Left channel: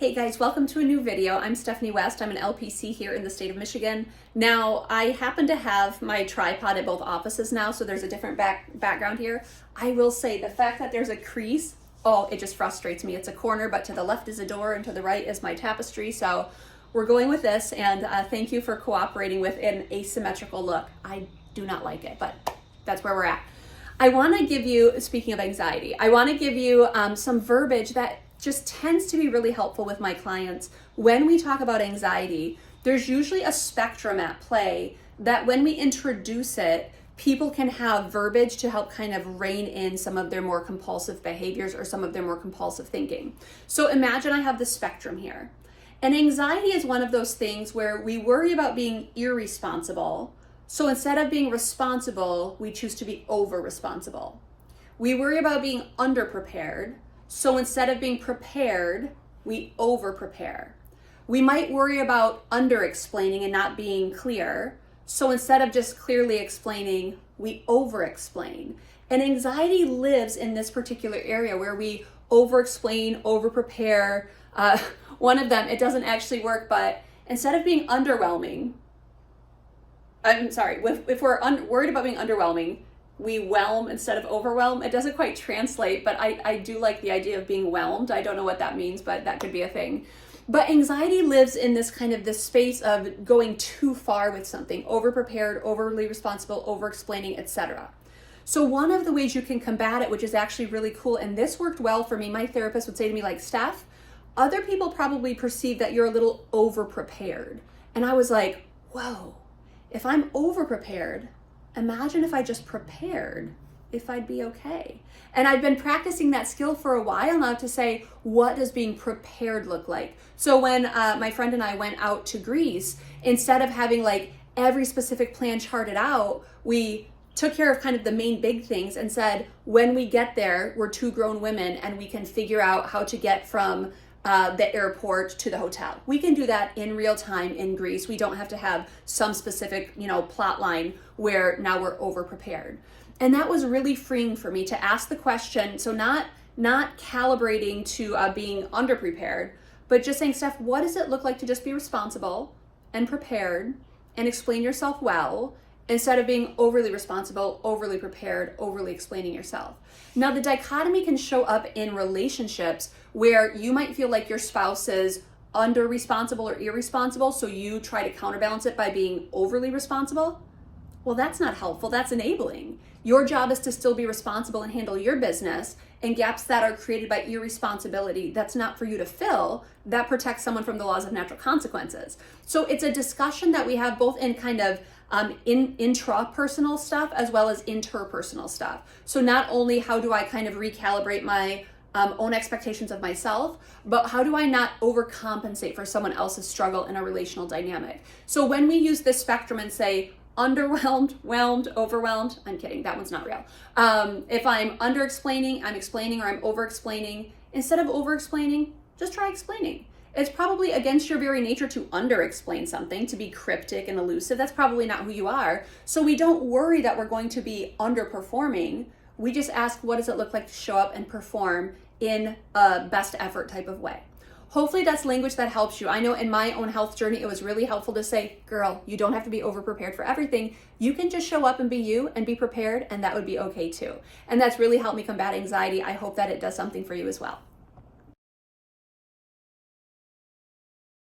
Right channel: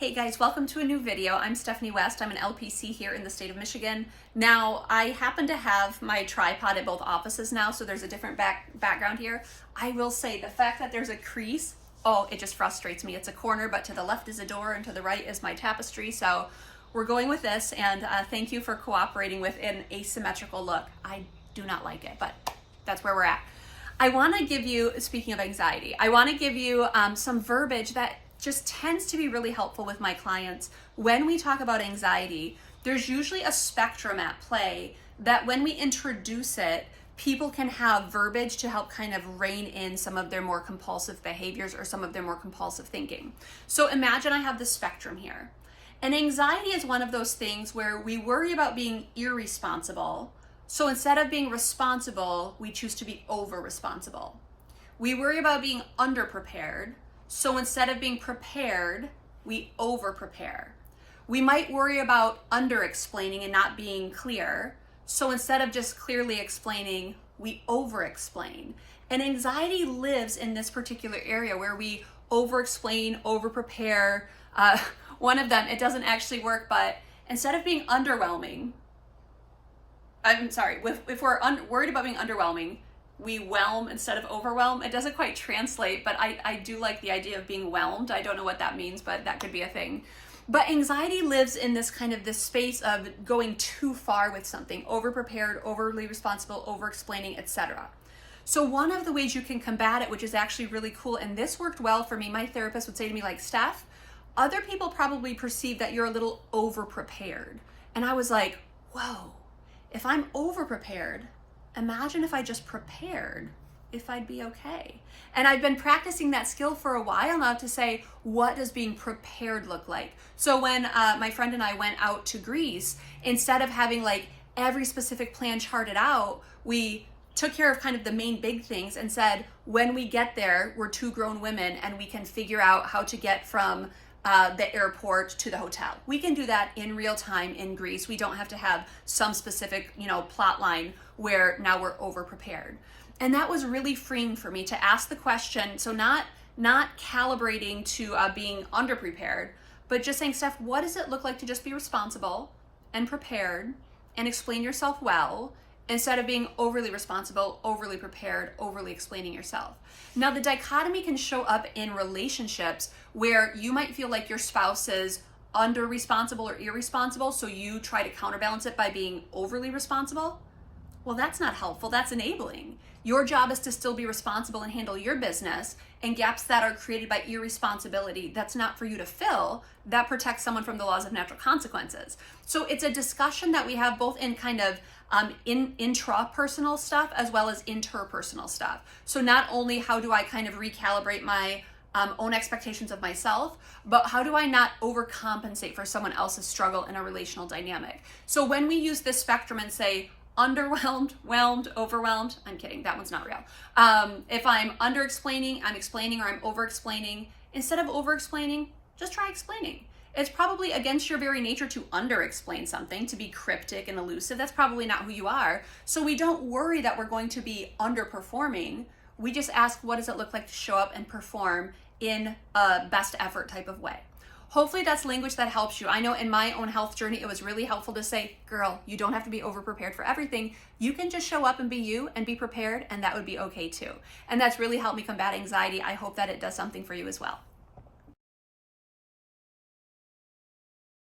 Hey guys, welcome to a new video. I'm Stephanie West. I'm an LPC here in the state of Michigan. Now, I happen to have my tripod at both offices now, so there's a different background here. I will say the fact that there's a crease, oh, it just frustrates me. It's a corner, but to the left is a door and to the right is my tapestry. So we're going with this, and thank you for cooperating with an asymmetrical look. I do not like it, but that's where we're at. I want to give you, speaking of anxiety, I want to give you some verbiage that just tends to be really helpful with my clients. When we talk about anxiety, there's usually a spectrum at play that when we introduce it, people can have verbiage to help kind of rein in some of their more compulsive behaviors or some of their more compulsive thinking. So imagine I have the spectrum here. And anxiety is one of those things where we worry about being irresponsible. So instead of being responsible, we choose to be over-responsible. We worry about being underprepared. So instead of being prepared, we over-prepare. We might worry about under-explaining and not being clear. So instead of just clearly explaining, we over-explain. And anxiety lives in this particular area where we over-explain, over-prepare. One of them, it doesn't actually work, but instead of being underwhelming, if we're worried about being underwhelming, we whelm instead of overwhelm. It doesn't quite translate, but I do like the idea of being whelmed. I don't know what that means, but that could be a thing. But anxiety lives in this space of going too far with something, over-prepared, overly responsible, over-explaining, etc. So one of the ways you can combat it, which is actually really cool, and this worked well for me, my therapist would say to me, like, Steph, other people probably perceive that you're a little over-prepared. And I was like, whoa, if I'm over-prepared, imagine if I just prepared, if I'd be okay. And I've been practicing that skill for a while now to say, what does being prepared look like? So when my friend and I went out to Greece, instead of having like every specific plan charted out, we took care of kind of the main big things and said, when we get there, we're two grown women and we can figure out how to get from the airport to the hotel. We can do that in real time in Greece. We don't have to have some specific, plot line where now we're over prepared. And that was really freeing for me to ask the question. So not calibrating to being underprepared, but just saying, Steph, what does it look like to just be responsible and prepared and explain yourself well, instead of being overly responsible, overly prepared, overly explaining yourself. Now, the dichotomy can show up in relationships where you might feel like your spouse is under responsible or irresponsible, so you try to counterbalance it by being overly responsible. Well, that's not helpful, that's enabling. Your job is to still be responsible and handle your business, and gaps that are created by irresponsibility, that's not for you to fill, that protects someone from the laws of natural consequences. So it's a discussion that we have both in kind of intrapersonal stuff as well as interpersonal stuff. So not only how do I kind of recalibrate my own expectations of myself, but how do I not overcompensate for someone else's struggle in a relational dynamic? So when we use this spectrum and say, underwhelmed, whelmed, overwhelmed, I'm kidding, that one's not real. If I'm under-explaining, I'm explaining, or I'm over-explaining, instead of over-explaining, just try explaining. It's probably against your very nature to under-explain something, to be cryptic and elusive. That's probably not who you are. So we don't worry that we're going to be underperforming. We just ask, what does it look like to show up and perform in a best effort type of way? Hopefully that's language that helps you. I know in my own health journey, it was really helpful to say, girl, you don't have to be over-prepared for everything. You can just show up and be you and be prepared, and that would be okay too. And that's really helped me combat anxiety. I hope that it does something for you as well.